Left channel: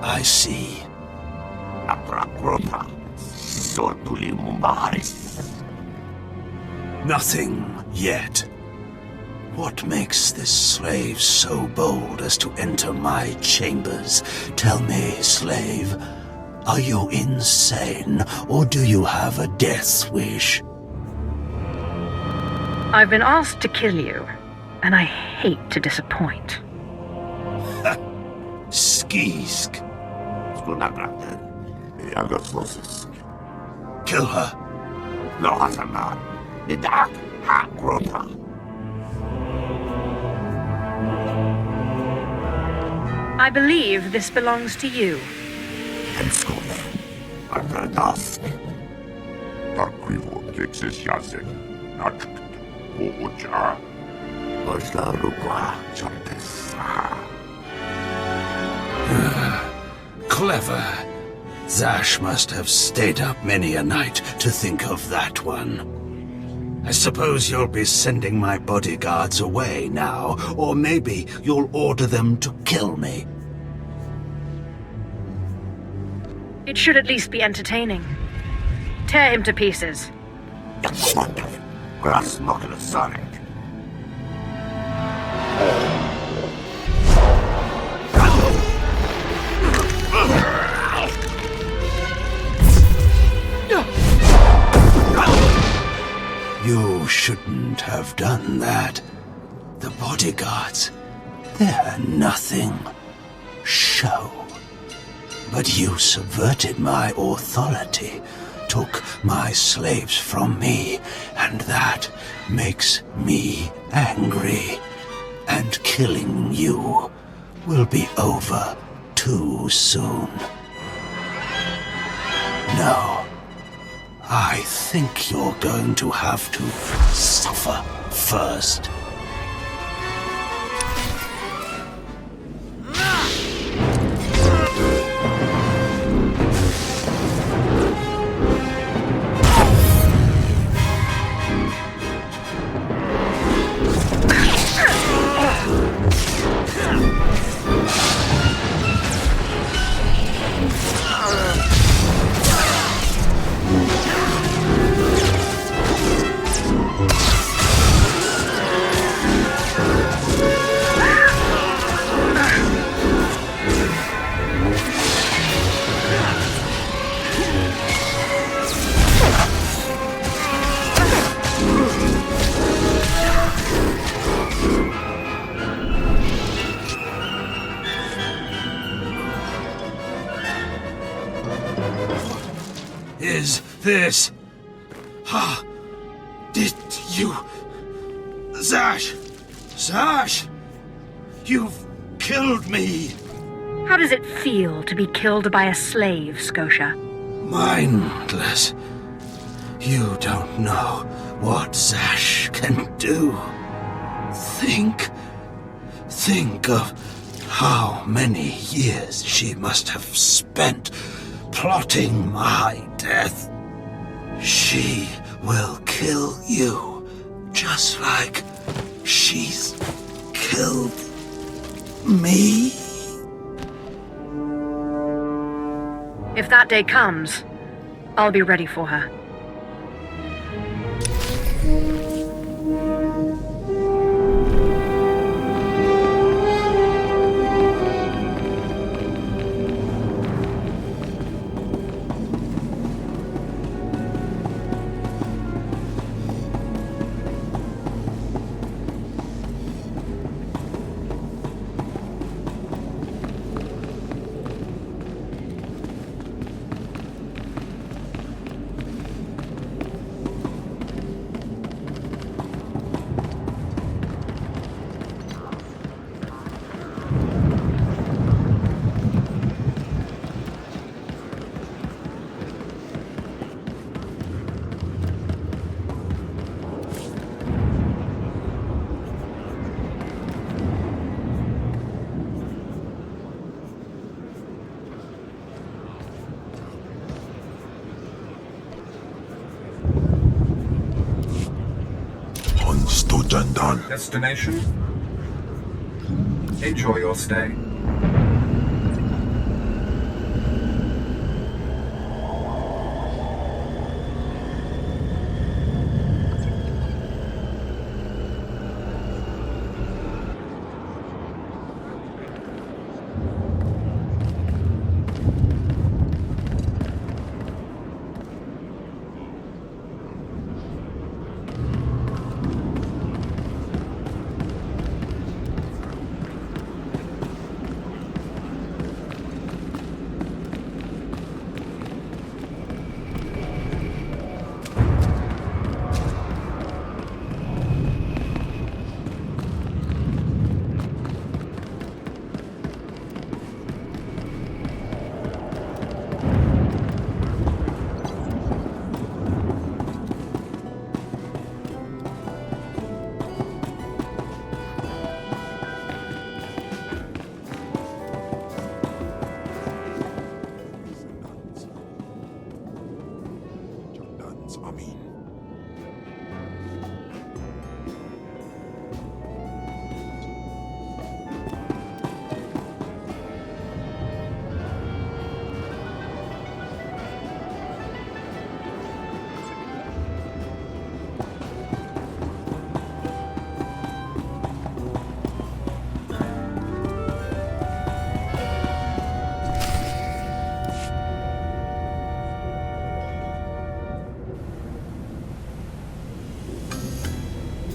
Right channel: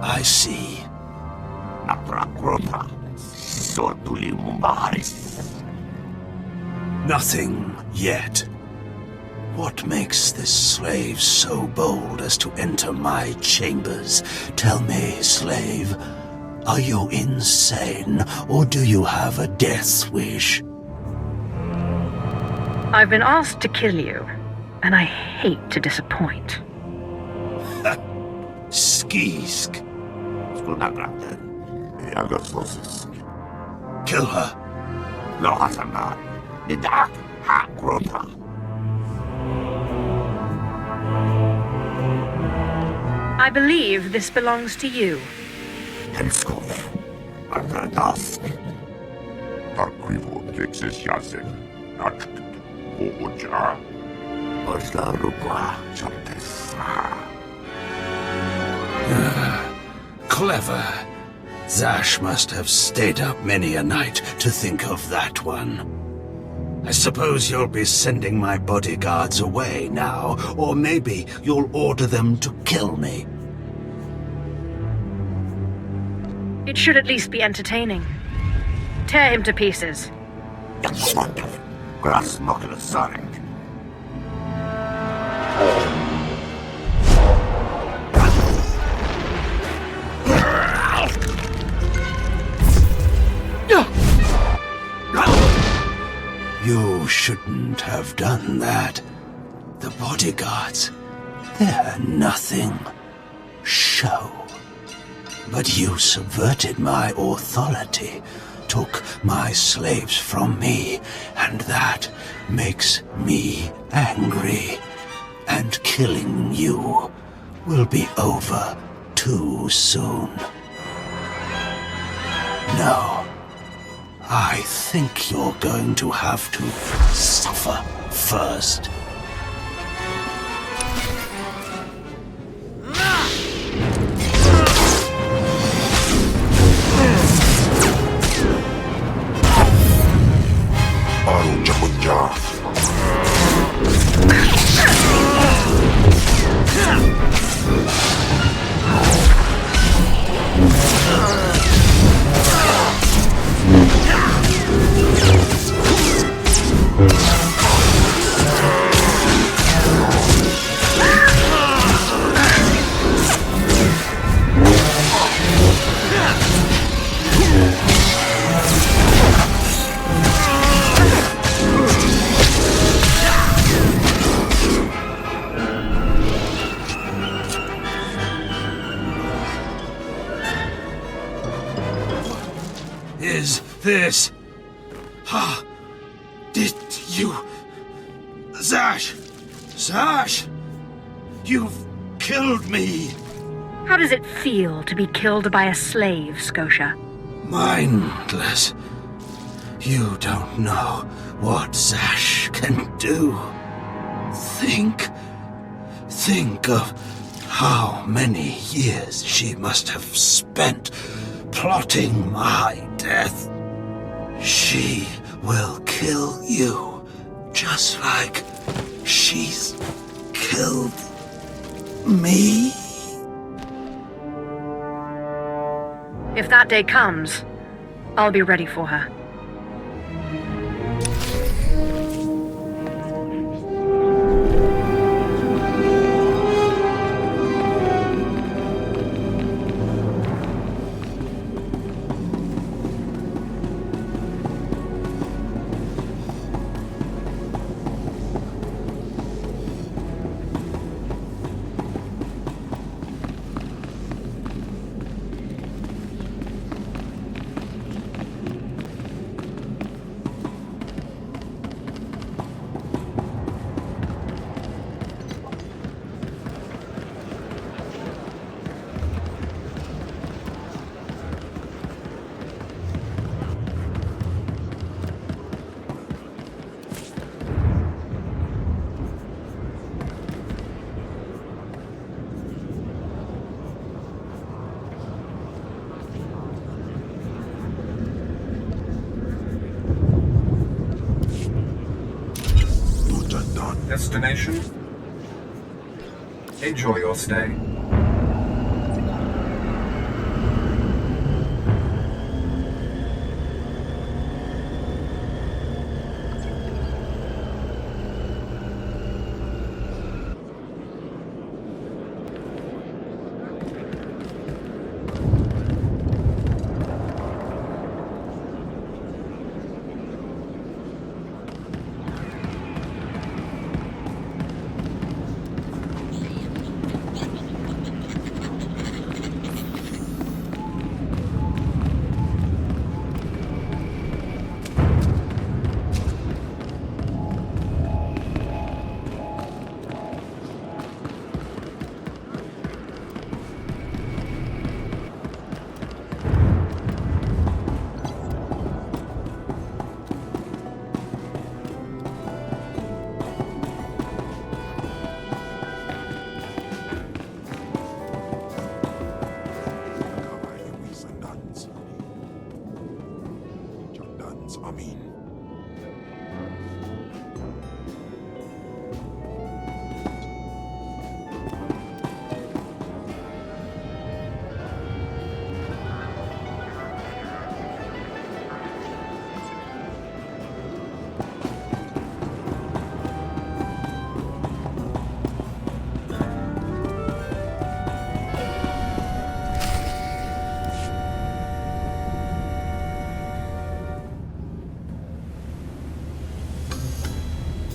I see. Nothing yet. What makes this slave so bold as to enter my chambers? Tell me, slave, are you insane, or do you have a death wish? I've been asked to kill you, and I hate to disappoint. Skisk. Kill her. I believe this belongs to you. Clever. Zash must have stayed up many a night to think of that one. I suppose you'll be sending my bodyguards away now, or maybe you'll order them to kill me. It should at least be entertaining. Tear him to pieces. You shouldn't have done that. The bodyguards, they're nothing. Show. But you subverted my authority, took my slaves from me, and that makes me angry. And killing you will be over too soon. No. I think you're going to have to suffer first. Is this? Did you... Zash! Zash! You've killed me! How does it feel to be killed by a slave, Scotia? Mindless. You don't know what Zash can do. Think of how many years she must have spent plotting my death. She will kill you, just like she's killed me. If that day comes, I'll be ready for her. Destination? Enjoy your stay.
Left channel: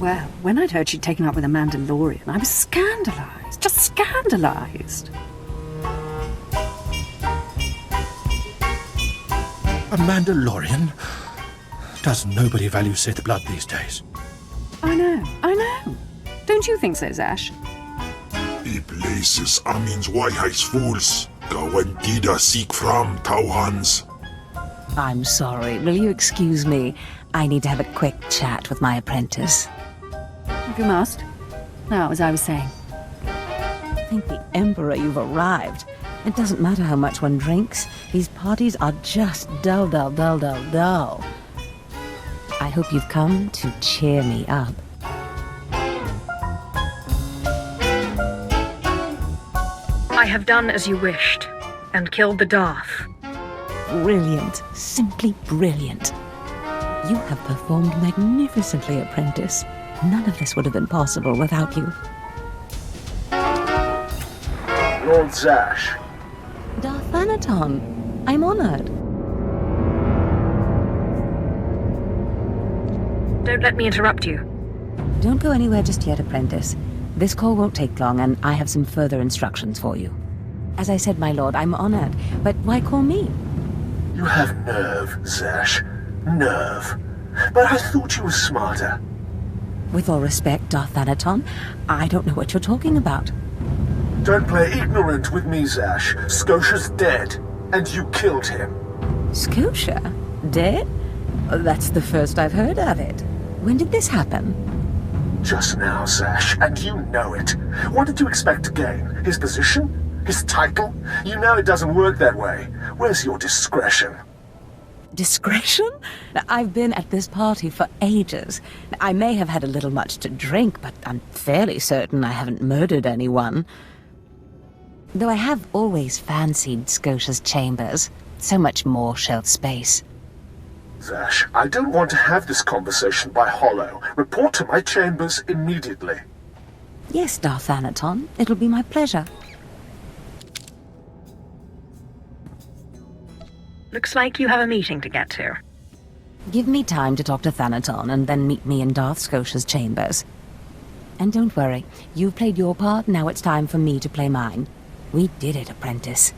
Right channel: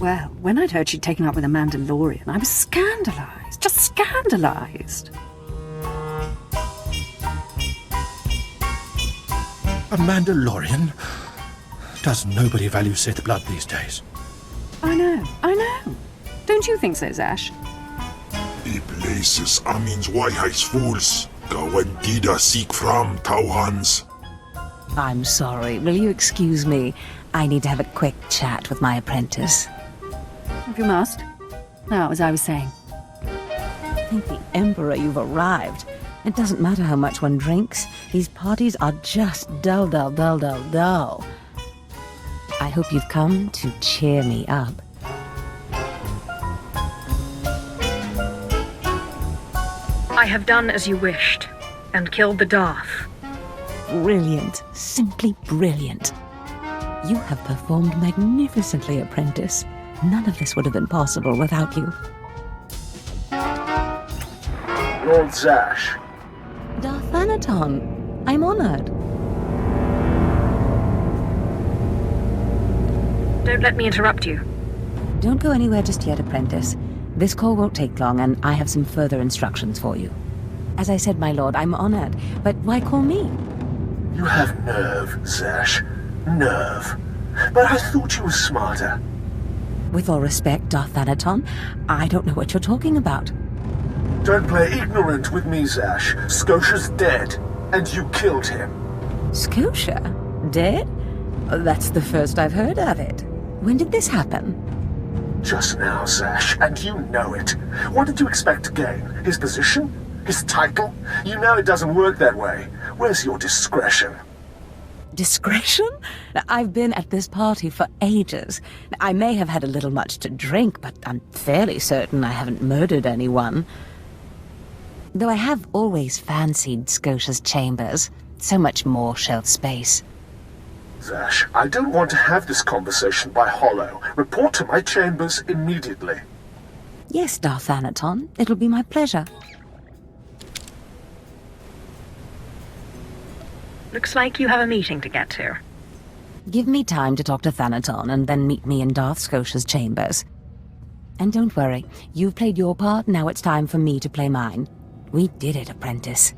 Well, when I'd heard she'd taken up with a Mandalorian, I was scandalised. Just scandalised. A Mandalorian? Does nobody value Sith blood these days? I know. Don't you think so, Zash? Die places Amin's Waiheis fools. Gawantida seek from Tauhans. I'm sorry. Will you excuse me? I need to have a quick chat with my apprentice. If you must. Now, as I was saying. Thank the Emperor you've arrived. It doesn't matter how much one drinks. These parties are just dull. I hope you've come to cheer me up. I have done as you wished, and killed the Darth. Brilliant. Simply brilliant. You have performed magnificently, apprentice. None of this would have been possible without you. Lord Zash. Darth Thanaton, I'm honored. Don't let me interrupt you. Don't go anywhere just yet, apprentice. This call won't take long, and I have some further instructions for you. As I said, my lord, I'm honored, but why call me? You have nerve, Zash. Nerve. But I thought you were smarter. With all respect, Darth Thanaton, I don't know what you're talking about. Don't play ignorant with me, Zash. Scotia's dead, and you killed him. Scotia? Dead? That's the first I've heard of it. When did this happen? Just now, Zash, and you know it. What did you expect to gain? His position? His title? You know it doesn't work that way. Where's your discretion? Discretion? I've been at this party for ages. I may have had a little much to drink, but I'm fairly certain I haven't murdered anyone. Though I have always fancied Scotia's chambers. So much more shelf space. Zash, I don't want to have this conversation by hollow. Report to my chambers immediately. Yes, Darth Thanaton. It'll be my pleasure. Looks like you have a meeting to get to. Give me time to talk to Thanaton, and then meet me in Darth Scotia's chambers. And don't worry, you've played your part, now it's time for me to play mine. We did it, apprentice.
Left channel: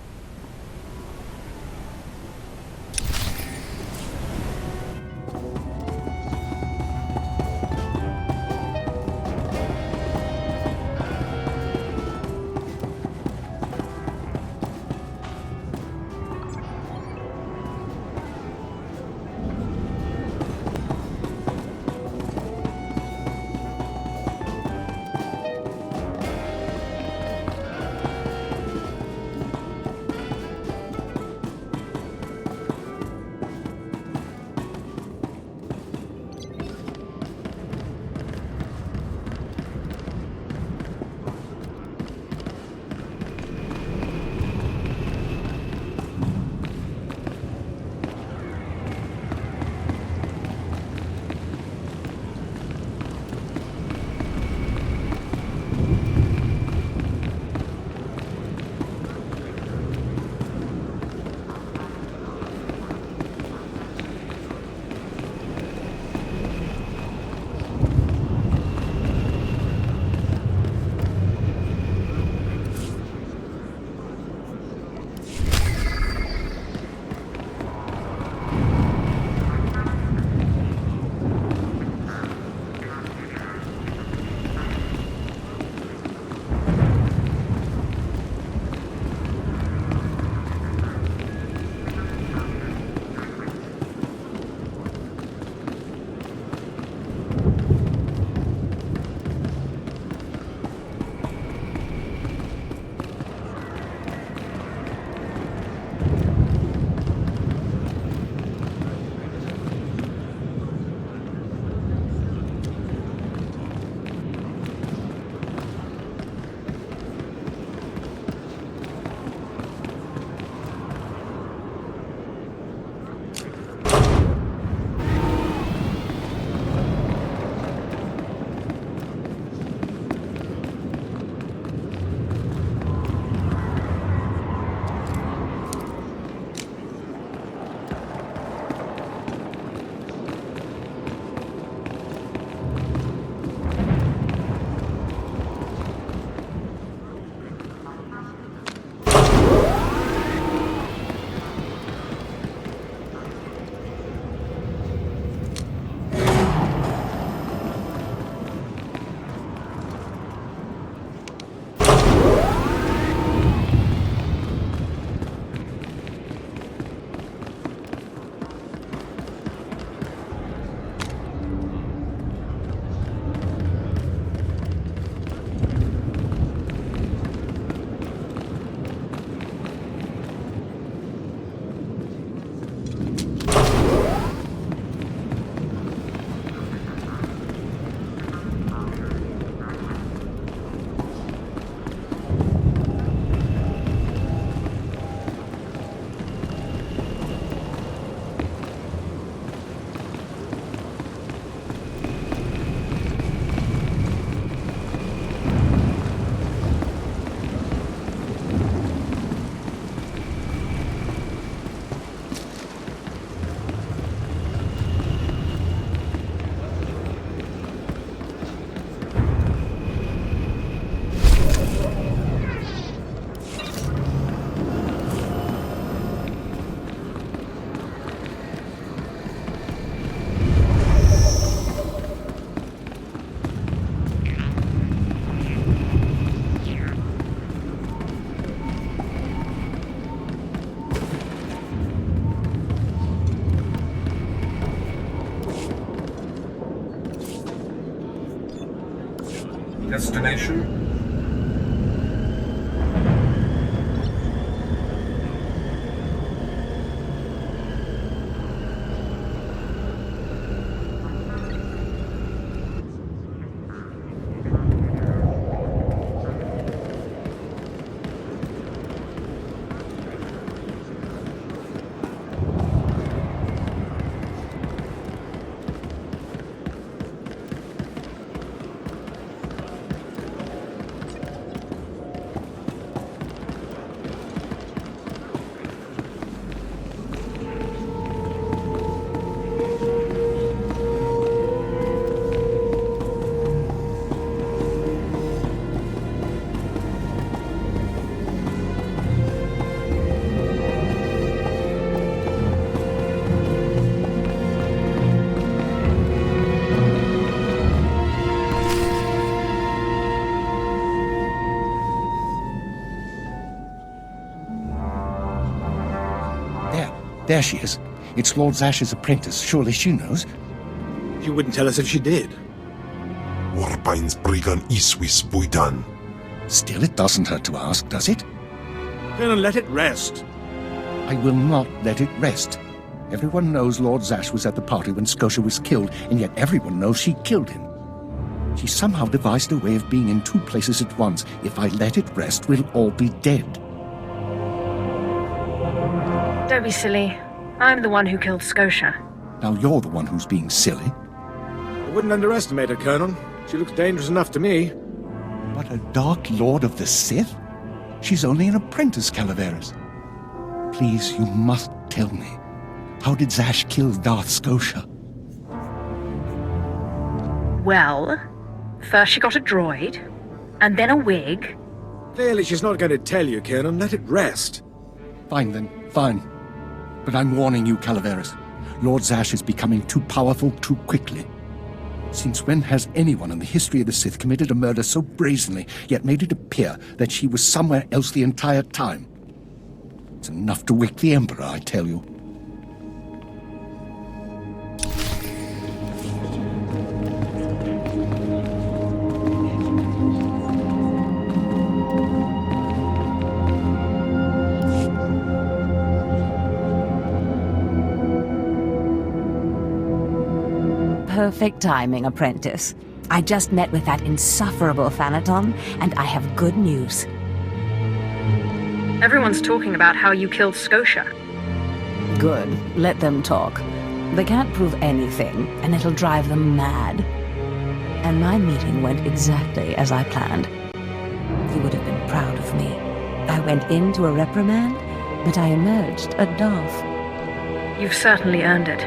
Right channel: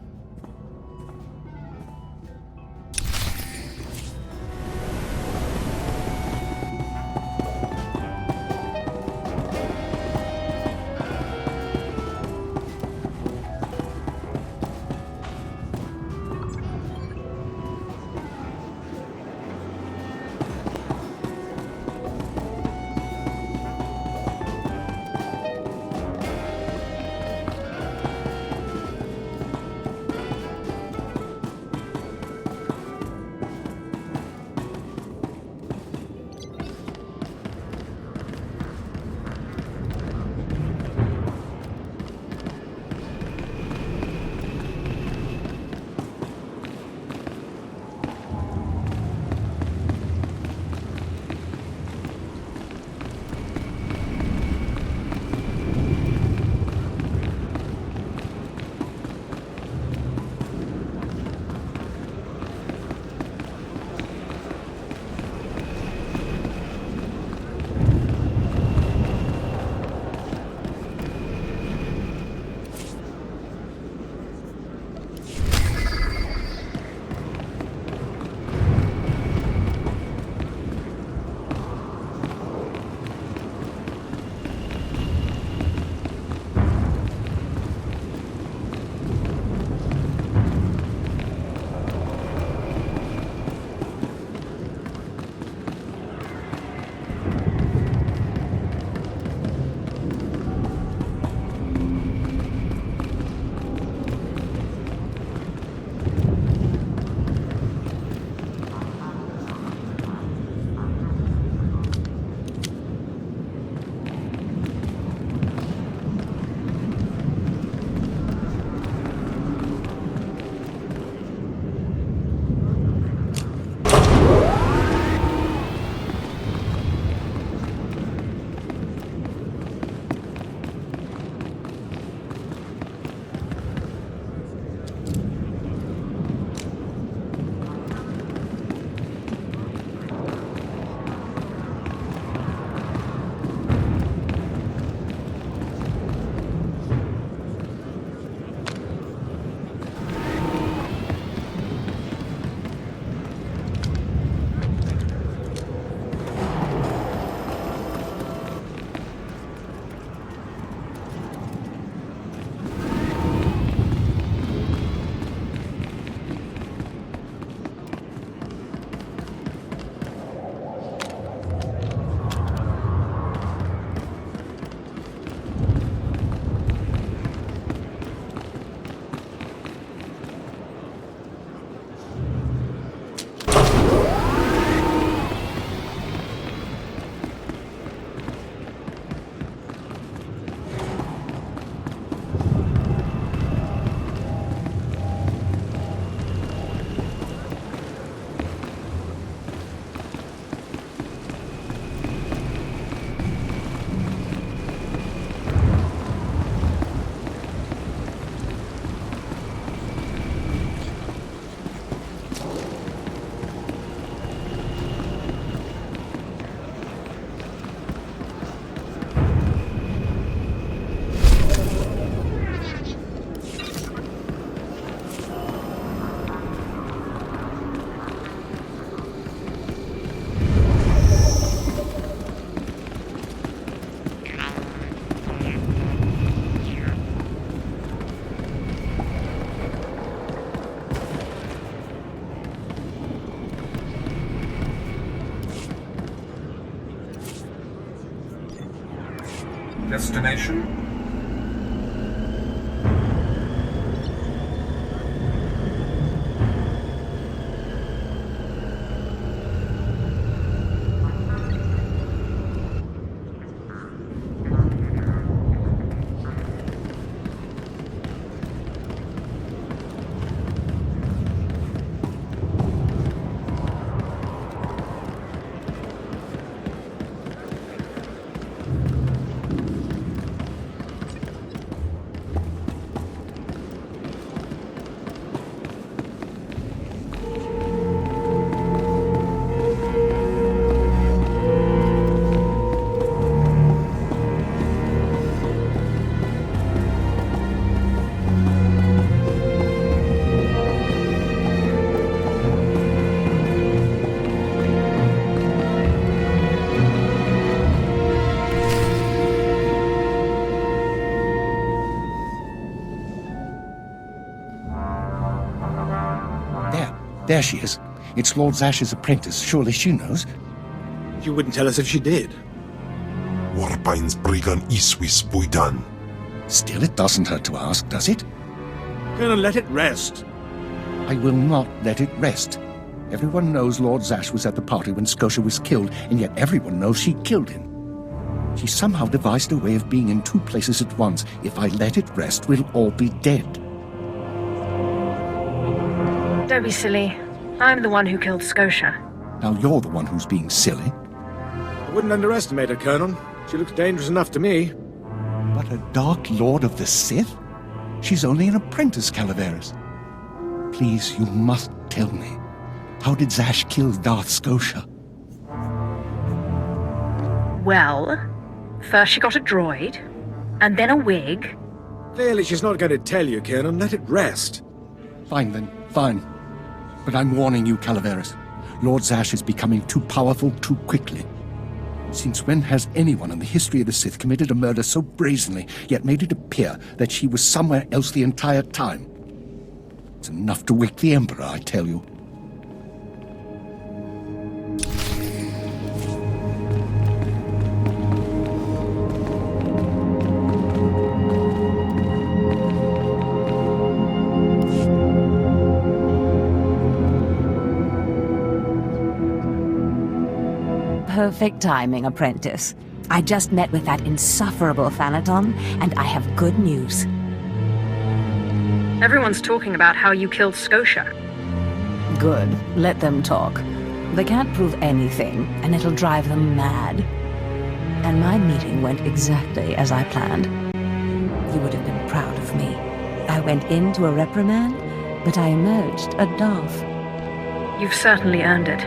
Destination? There she is. It's Lord Zash's apprentice. Surely she knows. You wouldn't tell us if she did. Warpine's Brigan Iswis Buidan. Still, it doesn't hurt to ask, does it? Colonel, let it rest. I will not let it rest. Everyone knows Lord Zash was at the party when Scotia was killed, and yet everyone knows she killed him. She somehow devised a way of being in two places at once. If I let it rest, we'll all be dead. Don't be silly. I'm the one who killed Scotia. Now you're the one who's being silly. I wouldn't underestimate her, Colonel. She looks dangerous enough to me. But a Dark Lord of the Sith? She's only an apprentice, Calaveras. Please, you must tell me. How did Zash kill Darth Scotia? Well, first she got a droid, and then a wig. Clearly she's not going to tell you, Colonel. Let it rest. Fine then, fine. But I'm warning you, Calaveras. Lord Zash is becoming too powerful too quickly. Since when has anyone in the history of the Sith committed a murder so brazenly, yet made it appear that she was somewhere else the entire time? It's enough to wake the Emperor, I tell you. Perfect timing, apprentice. I just met with that insufferable Thanaton, and I have good news. Everyone's talking about how you killed Scotia. Good. Let them talk. They can't prove anything, and it'll drive them mad. And my meeting went exactly as I planned. You would have been proud of me. I went into a reprimand, but I emerged a Darth. You've certainly earned it.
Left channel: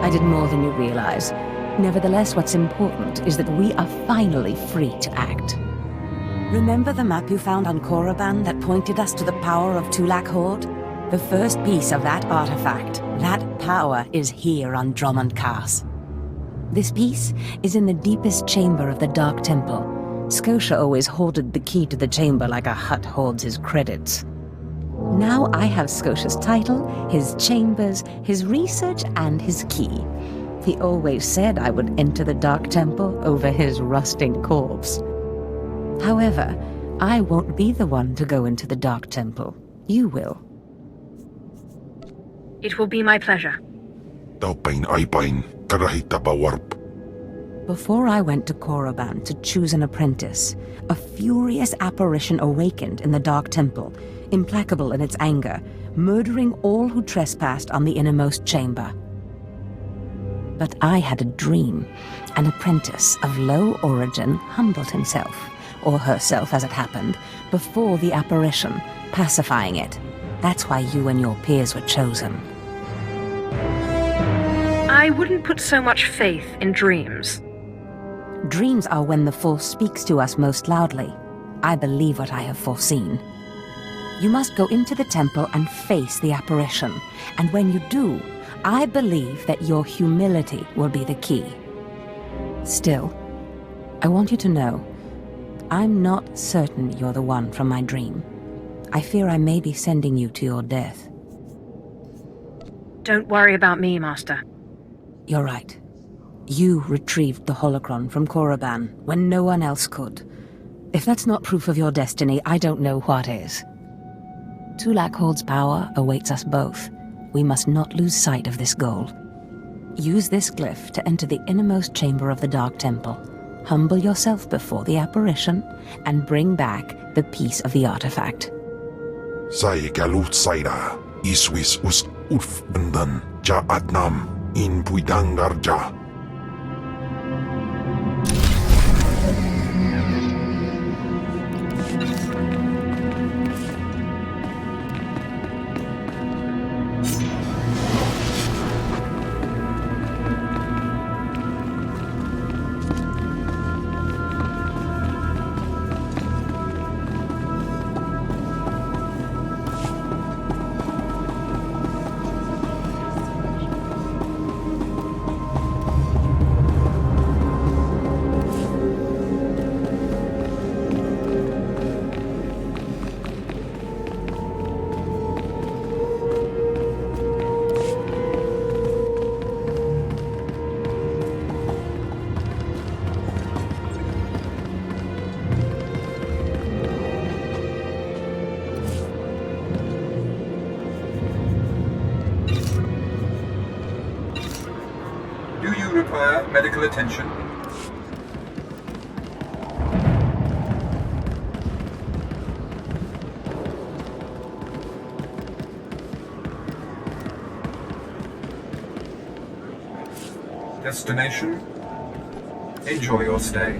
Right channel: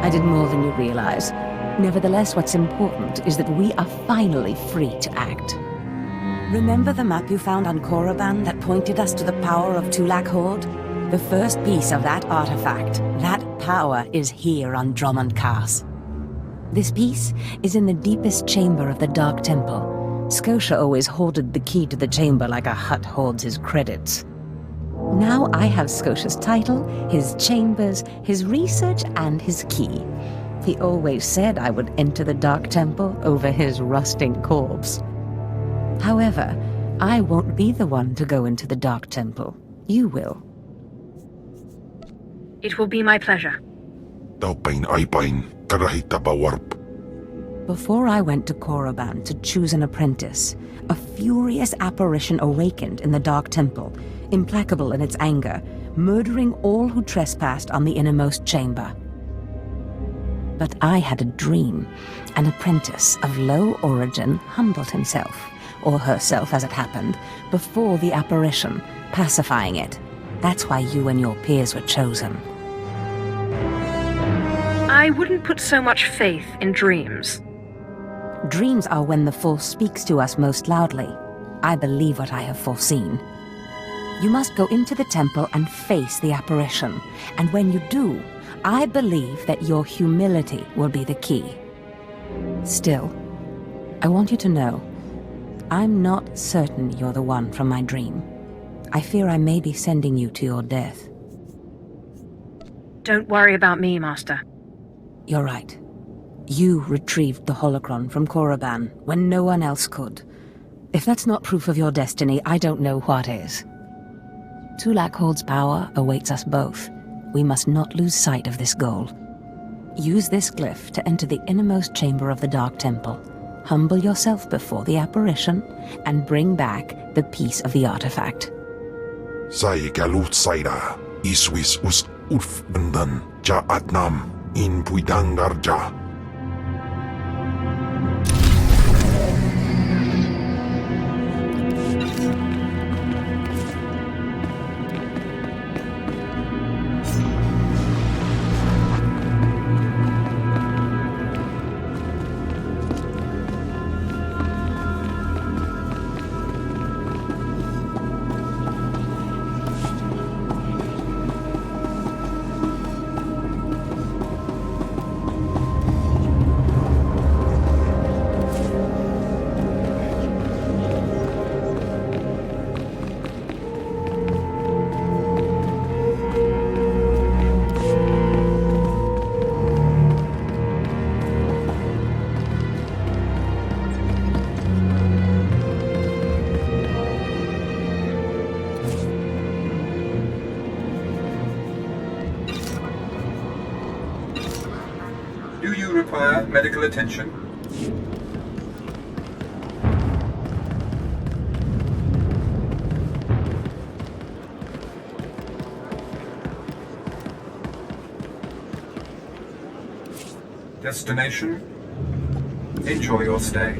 I did more than you realize. Nevertheless, what's important is that we are finally free to act. Remember the map you found on Korriban that pointed us to the power of Tulak Horde? The first piece of that artifact, that power, is here on Drummond Cast. This piece is in the deepest chamber of the Dark Temple. Scotia always hoarded the key to the chamber like a Hutt hoards his credits. Now I have Scotia's title, his chambers, his research, and his key. He always said I would enter the Dark Temple over his rusting corpse. However, I won't be the one to go into the Dark Temple. You will. It will be my pleasure. Taupain aipain, karahita bawarp. Before I went to Korriban to choose an apprentice, a furious apparition awakened in the Dark Temple, implacable in its anger, murdering all who trespassed on the innermost chamber. But I had a dream. An apprentice of low origin humbled himself, or herself as it happened, before the apparition, pacifying it. That's why you and your peers were chosen. I wouldn't put so much faith in dreams. Dreams are when the Force speaks to us most loudly. I believe what I have foreseen. You must go into the temple and face the apparition, and when you do, I believe that your humility will be the key. Still, I want you to know, I'm not certain you're the one from my dream. I fear I may be sending you to your death. Don't worry about me, Master. You're right. You retrieved the holocron from Korriban when no one else could. If that's not proof of your destiny, I don't know what is. Tulak Hold's power awaits us both. We must not lose sight of this goal. Use this glyph to enter the innermost chamber of the Dark Temple. Humble yourself before the apparition, and bring back the piece of the artifact. Sai galut saira, iswis us urf bendan, ja adnam, in puidangarja. Do you require medical attention? Destination? Enjoy your stay.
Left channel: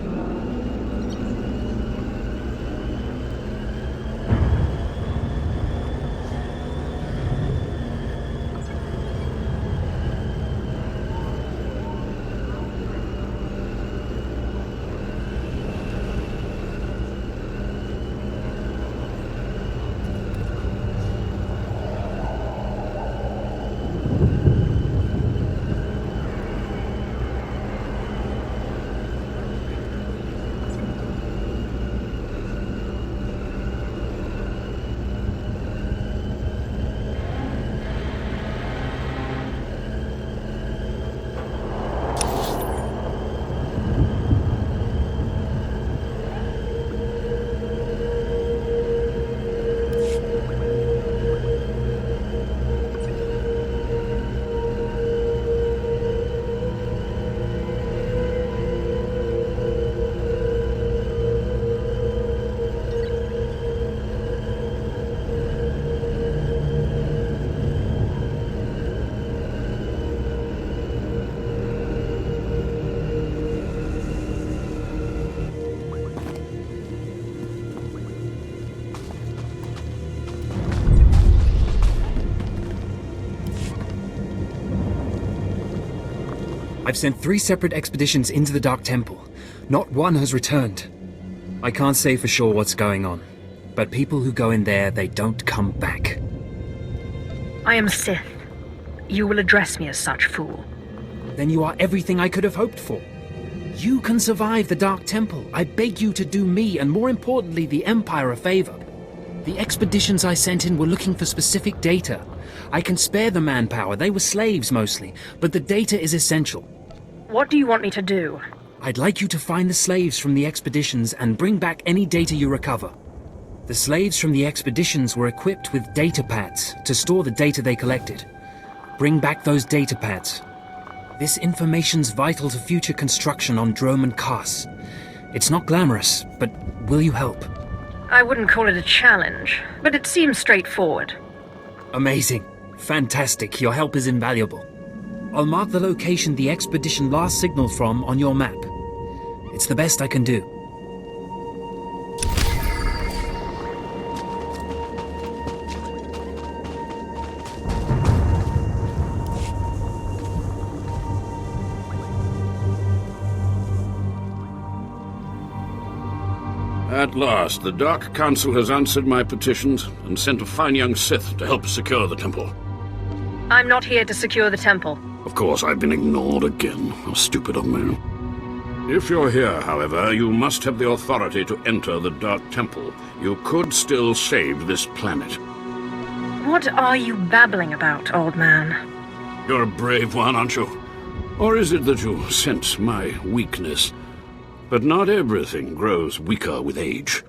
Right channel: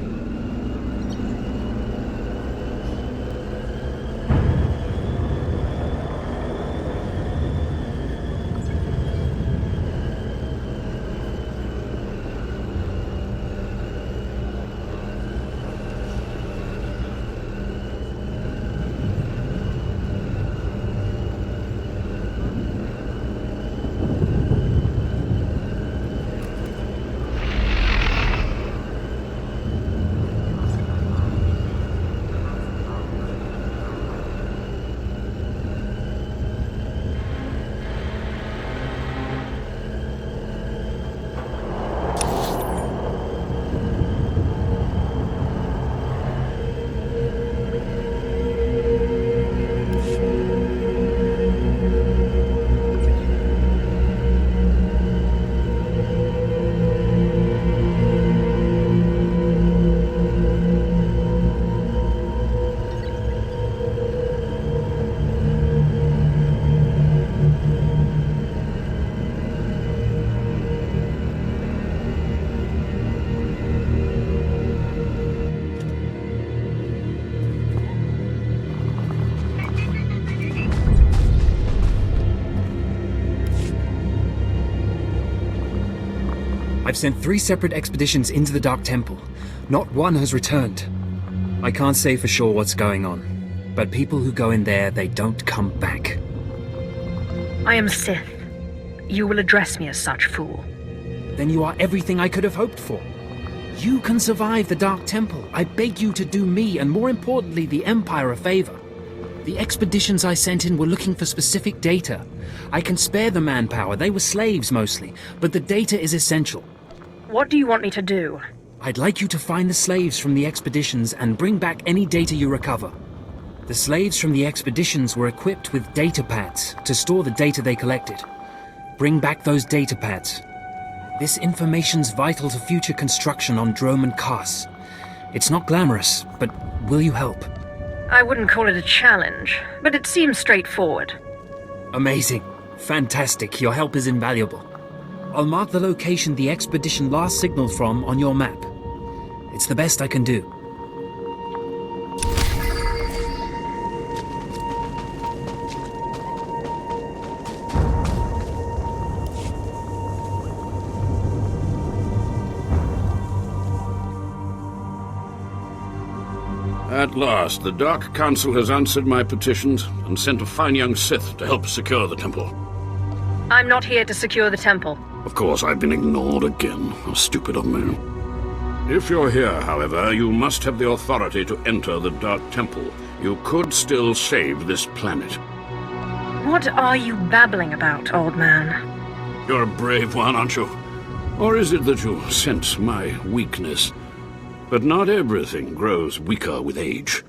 I've sent 3 separate expeditions into the Dark Temple. Not one has returned. I can't say for sure what's going on, but people who go in there, they don't come back. I am Sith. You will address me as such, fool. Then you are everything I could have hoped for. You can survive the Dark Temple. I beg you to do me, and more importantly, the Empire, a favor. The expeditions I sent in were looking for specific data. I can spare the manpower, they were slaves mostly, but the data is essential. What do you want me to do? I'd like you to find the slaves from the expeditions and bring back any data you recover. The slaves from the expeditions were equipped with data pads to store the data they collected. Bring back those data pads. This information's vital to future construction on Dromund Kaas. It's not glamorous, but will you help? I wouldn't call it a challenge, but it seems straightforward. Amazing. Fantastic. Your help is invaluable. I'll mark the location the expedition last signaled from on your map. It's the best I can do. At last, the Dark Council has answered my petitions and sent a fine young Sith to help secure the temple. I'm not here to secure the temple. Of course, I've been ignored again. How stupid of me. If you're here, however, you must have the authority to enter the Dark Temple. You could still save this planet. What are you babbling about, old man? You're a brave one, aren't you? Or is it that you sense my weakness? But not everything grows weaker with age.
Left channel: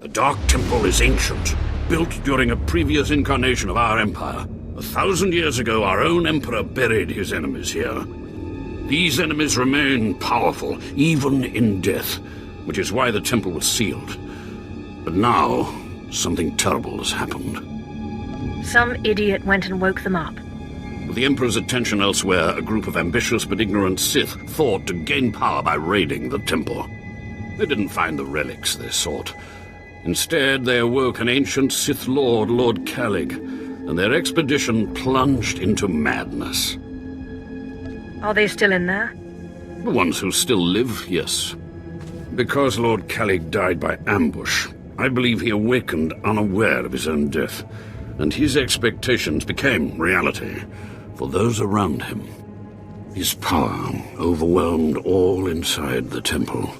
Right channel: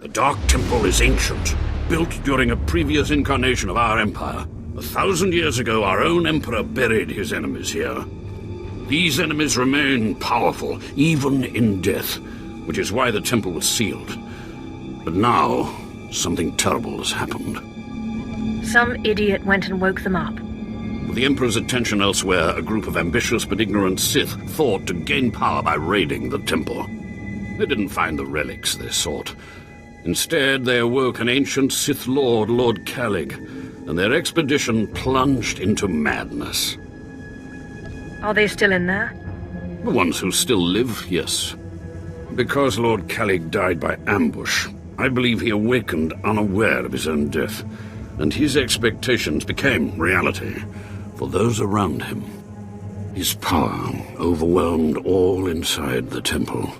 The Dark Temple is ancient, built during a previous incarnation of our empire. 1,000 years ago, our own emperor buried his enemies here. These enemies remain powerful, even in death, which is why the temple was sealed. But now, something terrible has happened. Some idiot went and woke them up. With the Emperor's attention elsewhere, a group of ambitious but ignorant Sith thought to gain power by raiding the temple. They didn't find the relics they sought. Instead, they awoke an ancient Sith Lord, Lord Calig, and their expedition plunged into madness. Are they still in there? The ones who still live, yes. Because Lord Calig died by ambush, I believe he awakened unaware of his own death, and his expectations became reality for those around him. His power overwhelmed all inside the temple,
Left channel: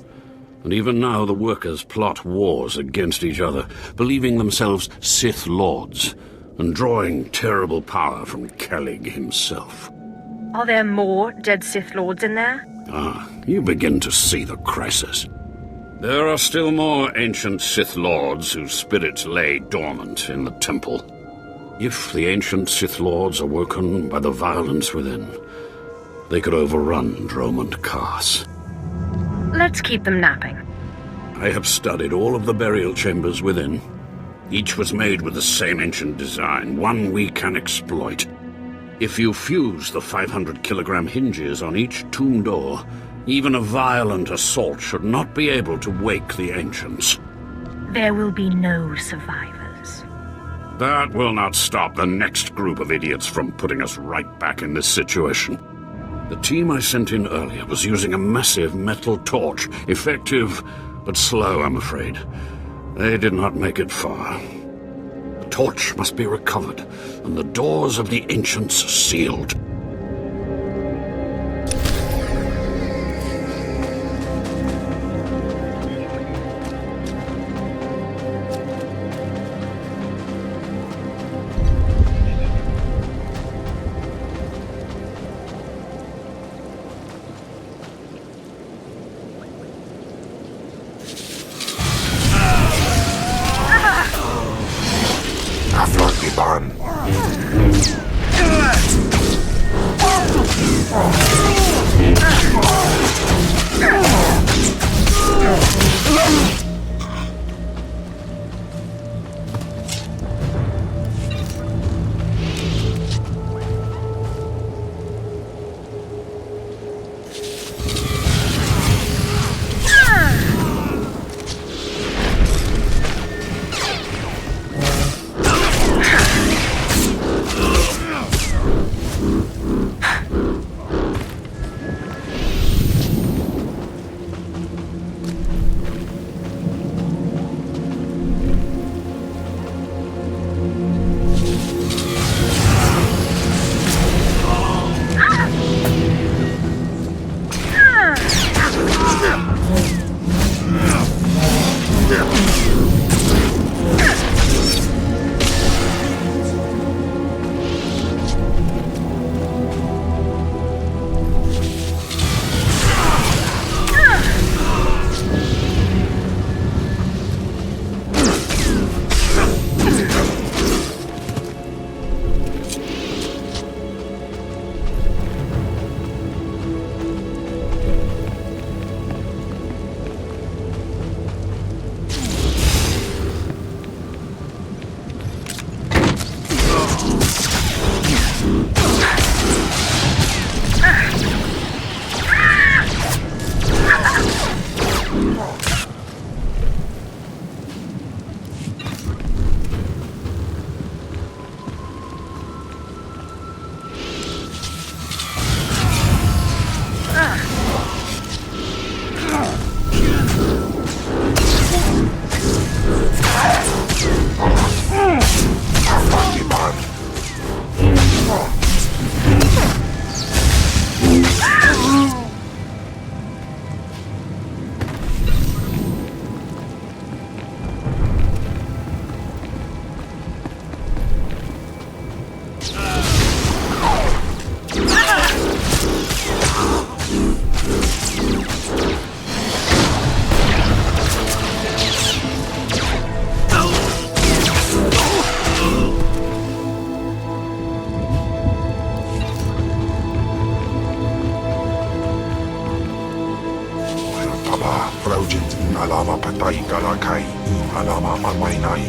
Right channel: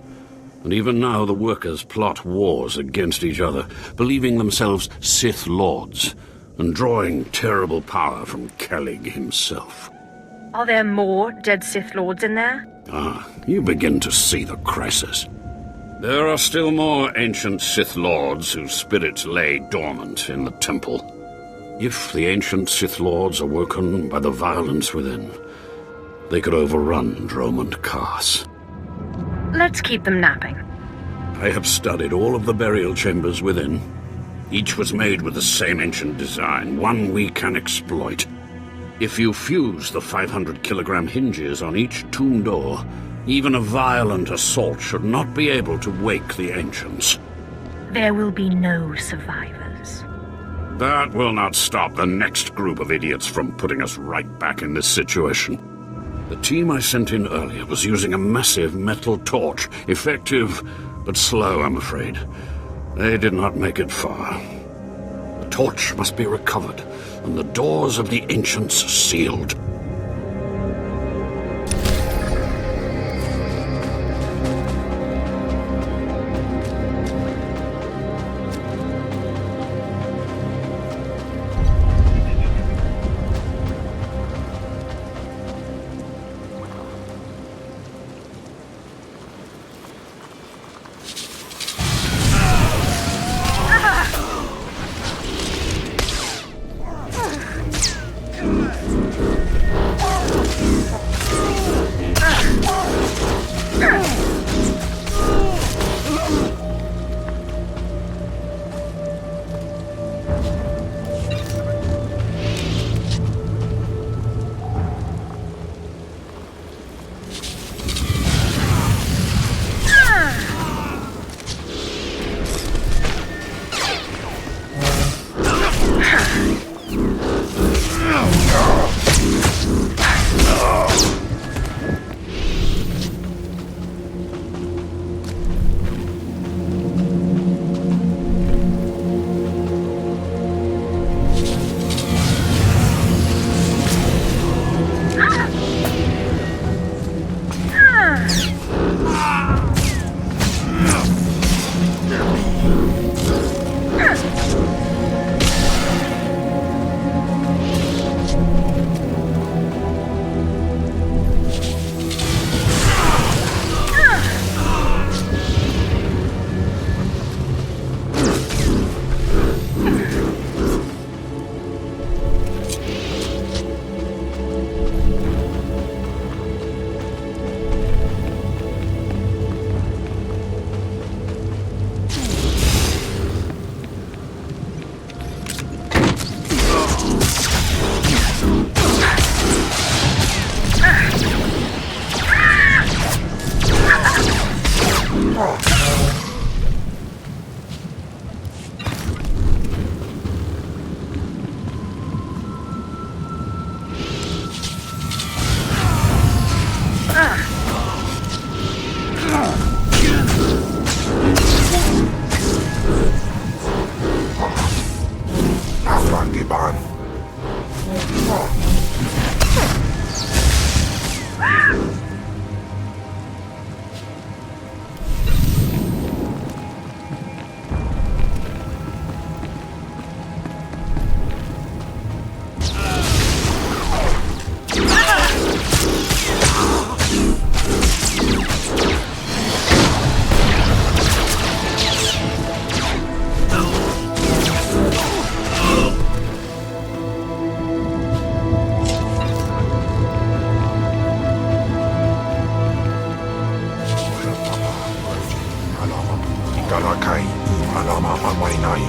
and even now the workers plot wars against each other, believing themselves Sith Lords, and drawing terrible power from Calig himself. Are there more dead Sith Lords in there? Ah, you begin to see the crisis. There are still more ancient Sith Lords whose spirits lay dormant in the temple. If the ancient Sith Lords are woken by the violence within, they could overrun Dromund Kaas. Let's keep them napping. I have studied all of the burial chambers within. Each was made with the same ancient design, one we can exploit. If you fuse the 500-kilogram hinges on each tomb door, even a violent assault should not be able to wake the ancients. There will be no survivors. That will not stop the next group of idiots from putting us right back in this situation. The team I sent in earlier was using a massive metal torch, effective but slow, I'm afraid. They did not make it far. The torch must be recovered, and the doors of the ancients sealed. mapatay galakay imalama amaynay.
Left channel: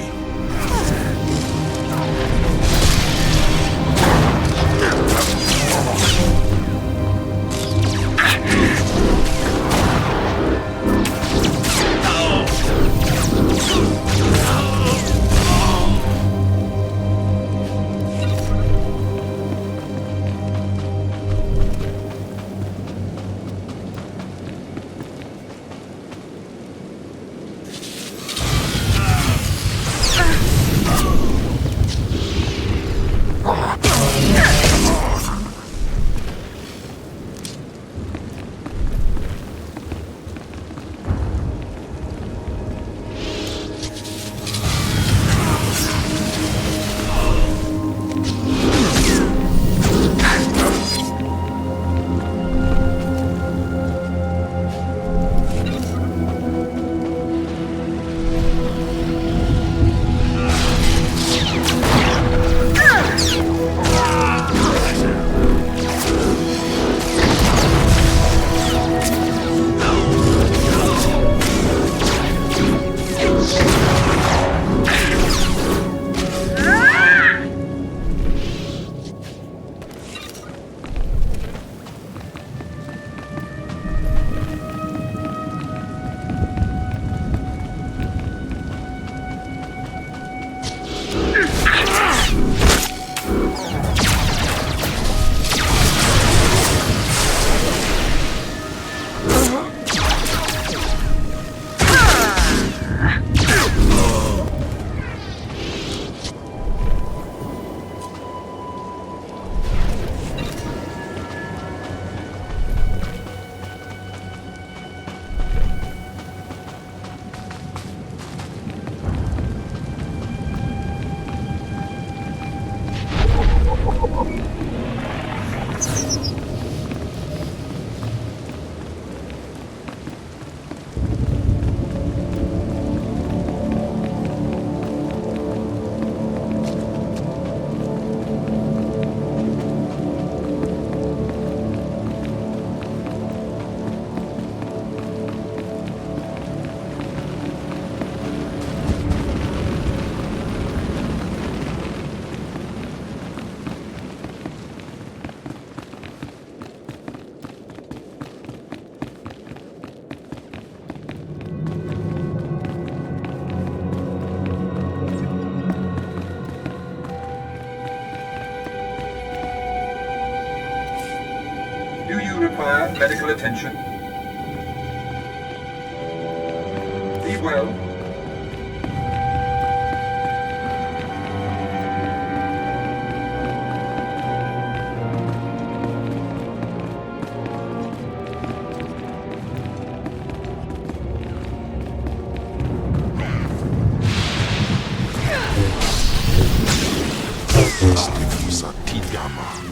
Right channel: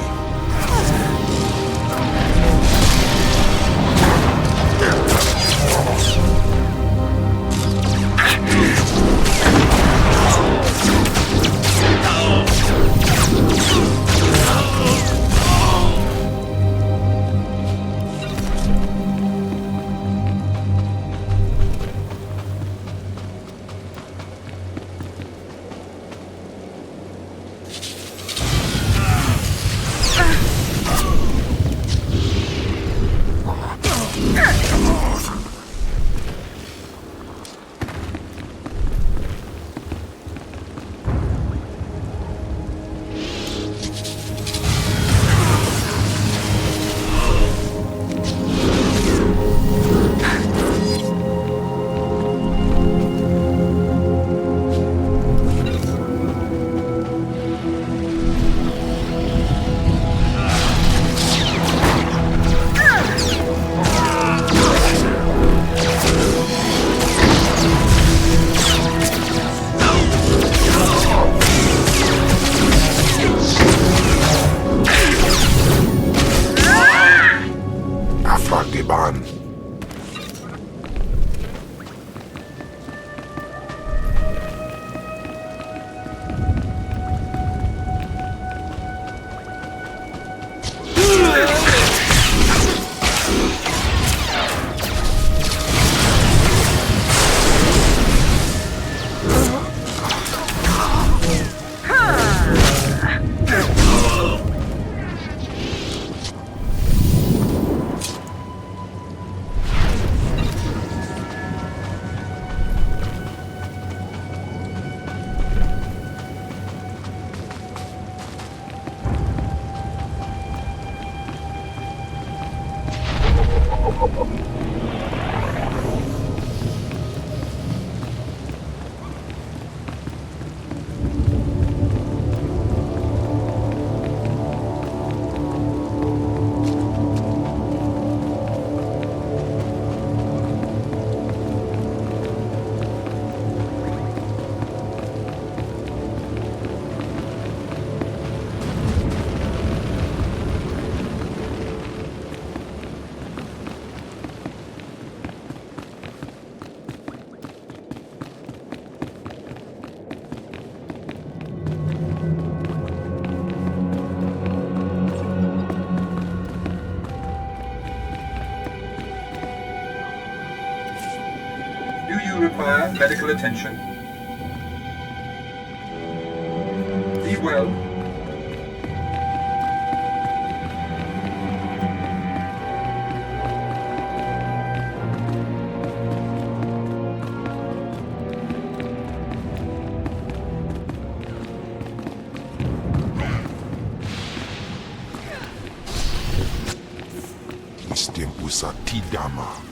Do you require medical attention? Be well. Stefusa Tidama.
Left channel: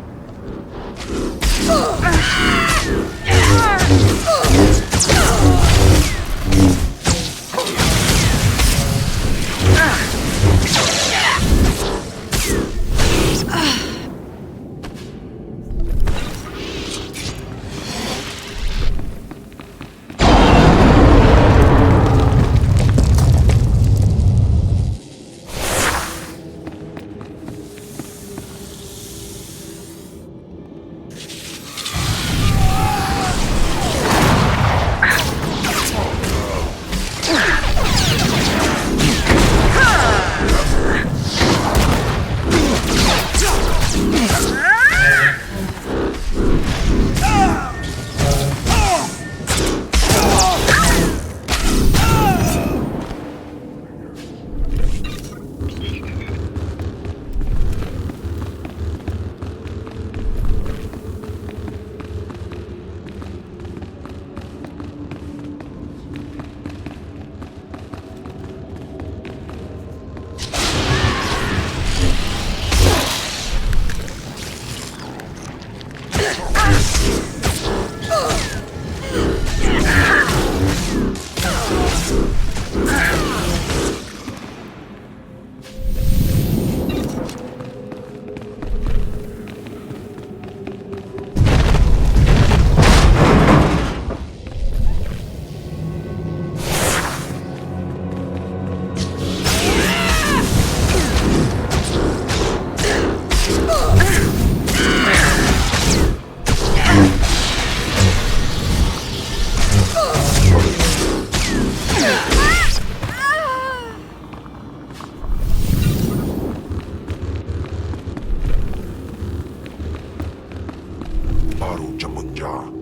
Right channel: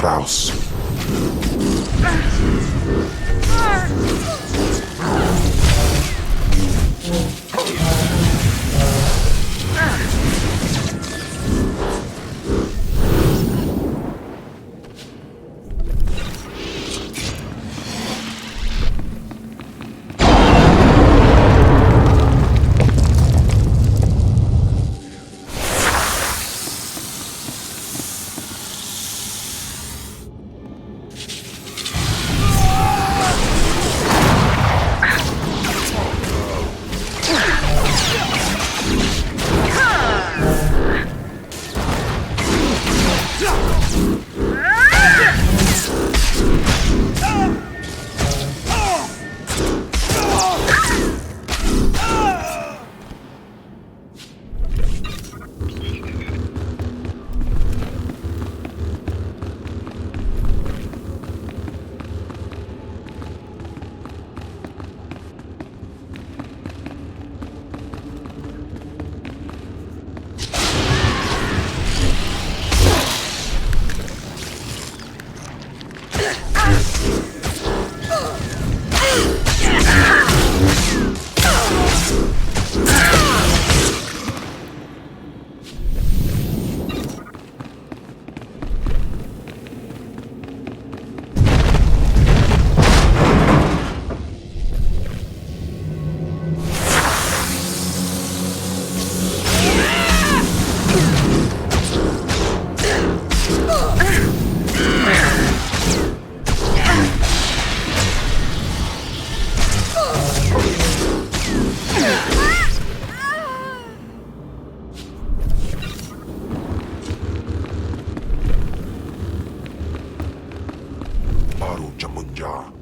Klaus. Baru Jamunja.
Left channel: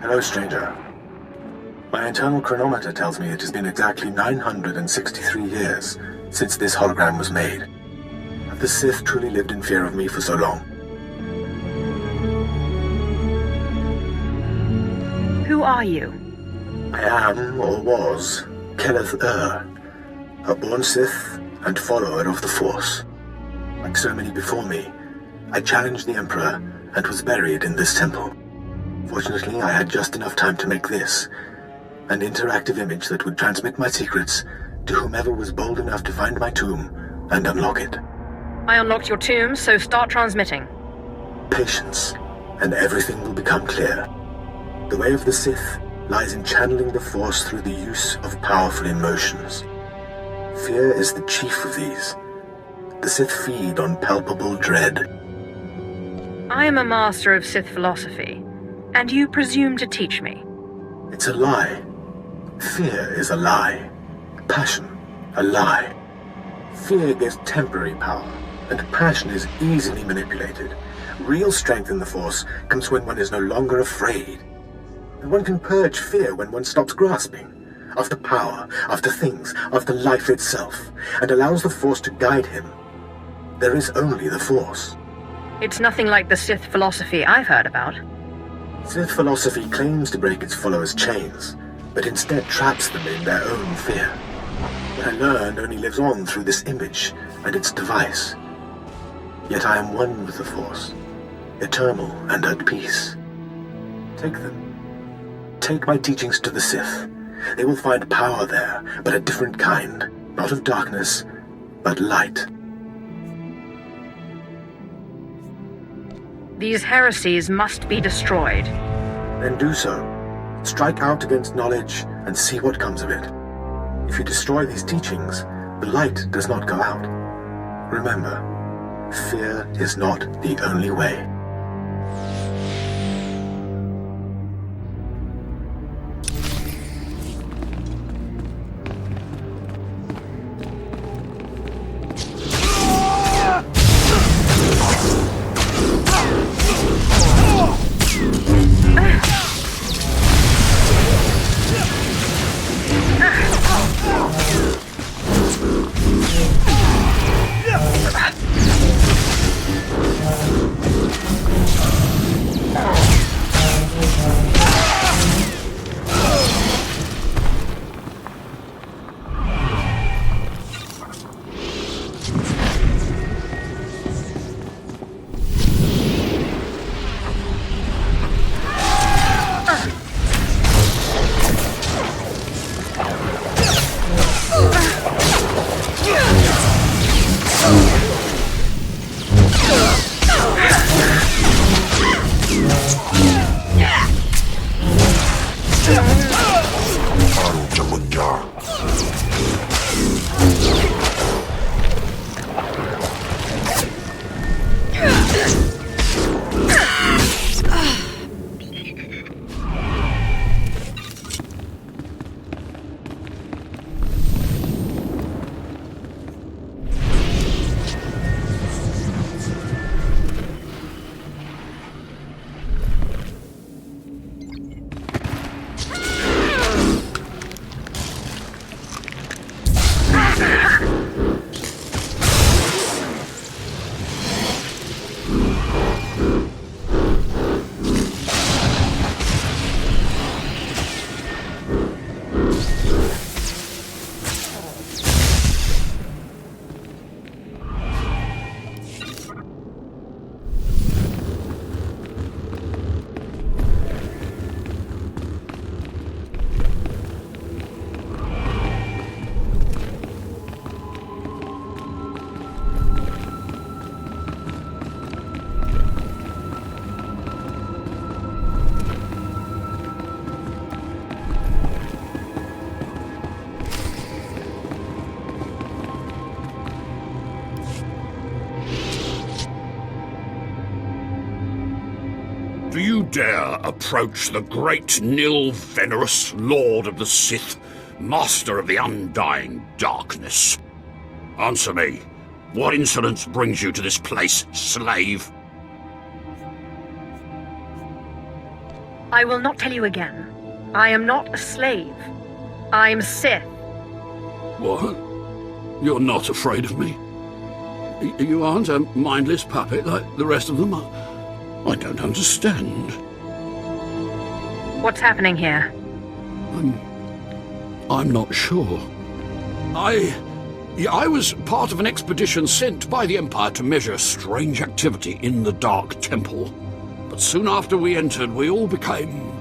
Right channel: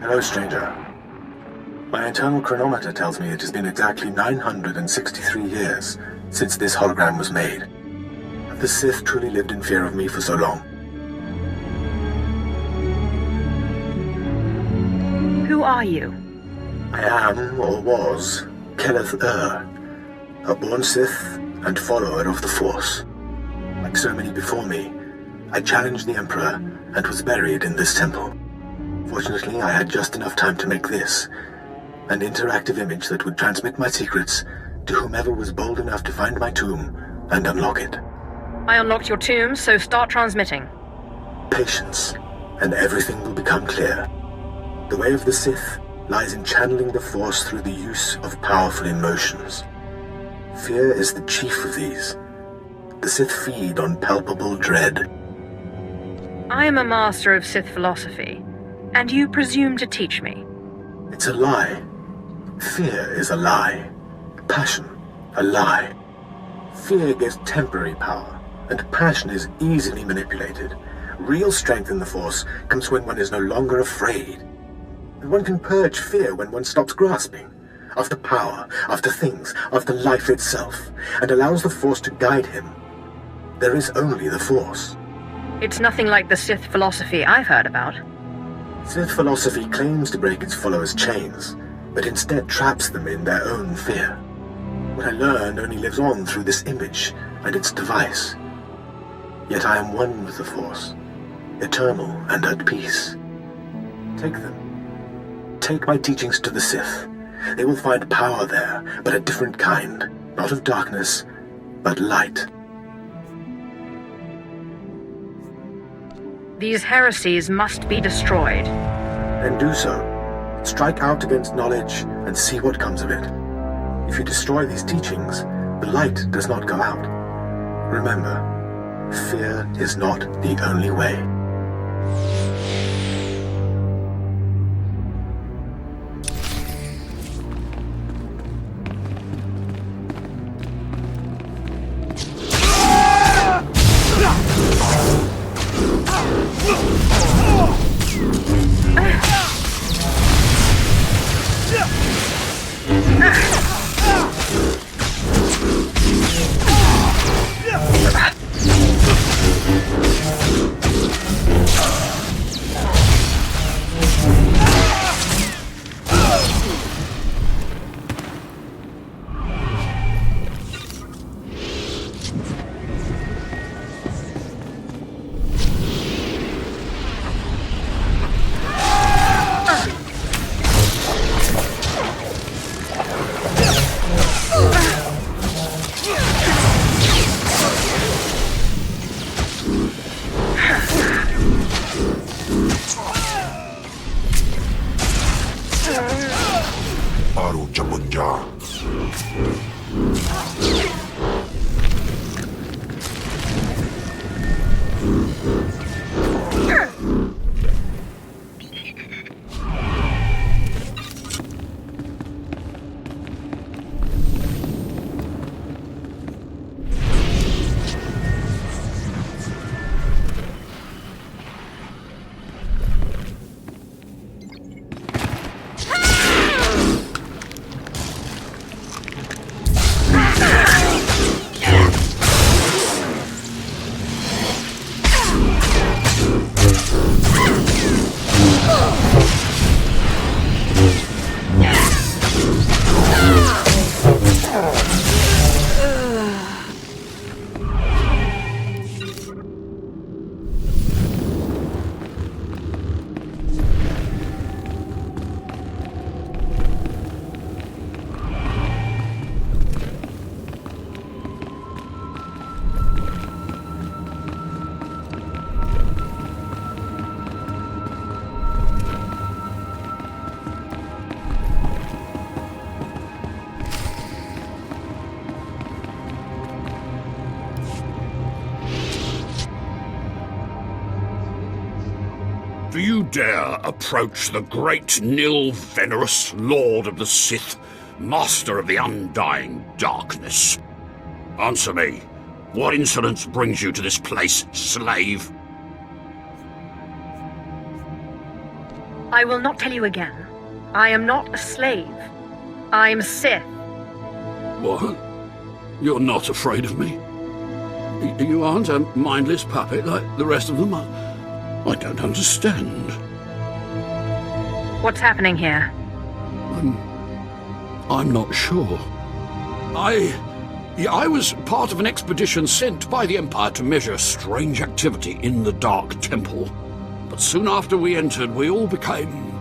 Hello, stranger. My internal chronometer tells me it has been exactly 963 years since this hologram was made. Have the Sith truly lived in fear of me for so long? Who are you? I am, or was, Keleth a born Sith and follower of the Force. Like so many before me, I challenged the Emperor and was buried in this temple. Fortunately, I had just enough time to make this, an interactive image that would transmit my secrets to whomever was bold enough to find my tomb and unlock it. I unlocked your tomb, so start transmitting. Patience, and everything will become clear. The way of the Sith lies in channeling the Force through the use of powerful emotions. Fear is the chief of these. The Sith feed on palpable dread. I am a master of Sith philosophy, and you presume to teach me. It's a lie. Fear is a lie. Passion, a lie. Fear gives temporary power, and passion is easily manipulated. Real strength in the Force comes when one is no longer afraid. And one can purge fear when one stops grasping after power, after things, after life itself, and allows the Force to guide him. There is only the Force. It's nothing like the Sith philosophy I've heard about. Sith philosophy claims to break its followers' chains, but instead traps them in their own fear. What I learned only lives on through this image and its device. Yet I am one with the Force, eternal and at peace. Take them. Take my teachings to the Sith. They will find power there, but a different kind. Not of darkness, but light. These heresies must be destroyed. Then do so. Strike out against knowledge and see what comes of it. If you destroy these teachings, the light does not go out. Remember, fear is not the only way. Baru Jamunja. Do you dare approach the great Nil Venerus, Lord of the Sith, Master of the Undying Darkness? Answer me. What insolence brings you to this place, slave? I will not tell you again. I am not a slave. I'm Sith. What? You're not afraid of me? You aren't a mindless puppet like the rest of them? I don't understand. What's happening here? I'm not sure. I was part of an expedition sent by the Empire to measure strange activity in the Dark Temple. But soon after we entered, we all became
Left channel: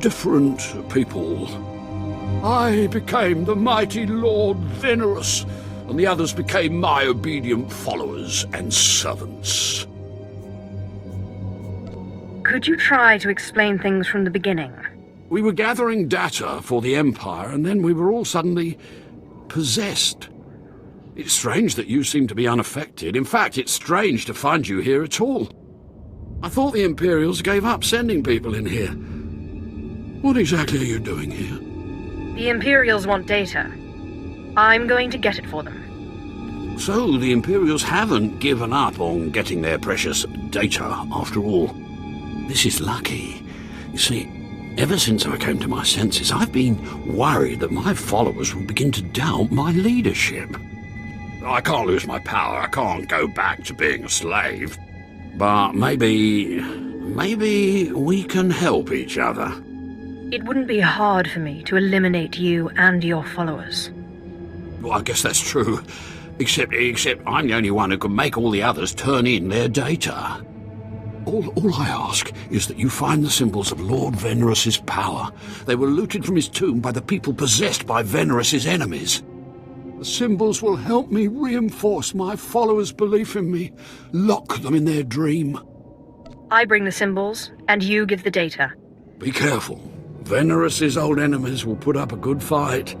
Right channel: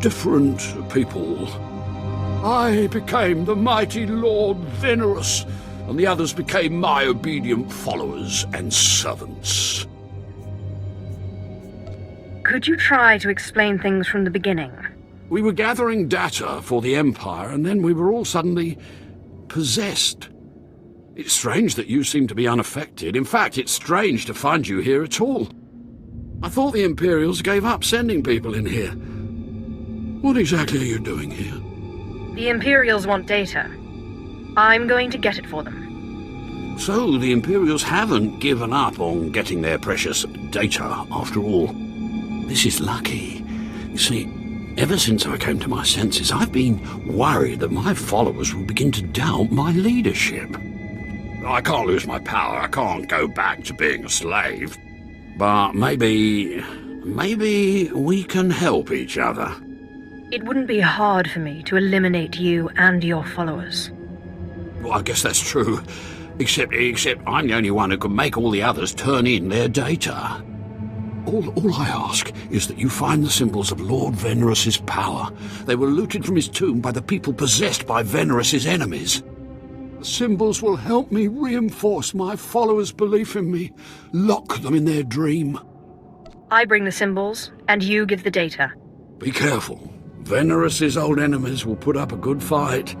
different people. I became the mighty Lord Venerus, and the others became my obedient followers and servants. Could you try to explain things from the beginning? We were gathering data for the Empire, and then we were all suddenly possessed. It's strange that you seem to be unaffected. In fact, it's strange to find you here at all. I thought the Imperials gave up sending people in here. What exactly are you doing here? The Imperials want data. I'm going to get it for them. So the Imperials haven't given up on getting their precious data, after all. This is lucky. You see, ever since I came to my senses, I've been worried that my followers will begin to doubt my leadership. I can't lose my power. I can't go back to being a slave. But maybe we can help each other. It wouldn't be hard for me to eliminate you and your followers. Well, I guess that's true. Except I'm the only one who can make all the others turn in their data. All I ask is that you find the symbols of Lord Venerus's power. They were looted from his tomb by the people possessed by Venerus's enemies. The symbols will help me reinforce my followers' belief in me, lock them in their dream. I bring the symbols, and you give the data. Be careful. Venerous's old enemies will put up a good fight.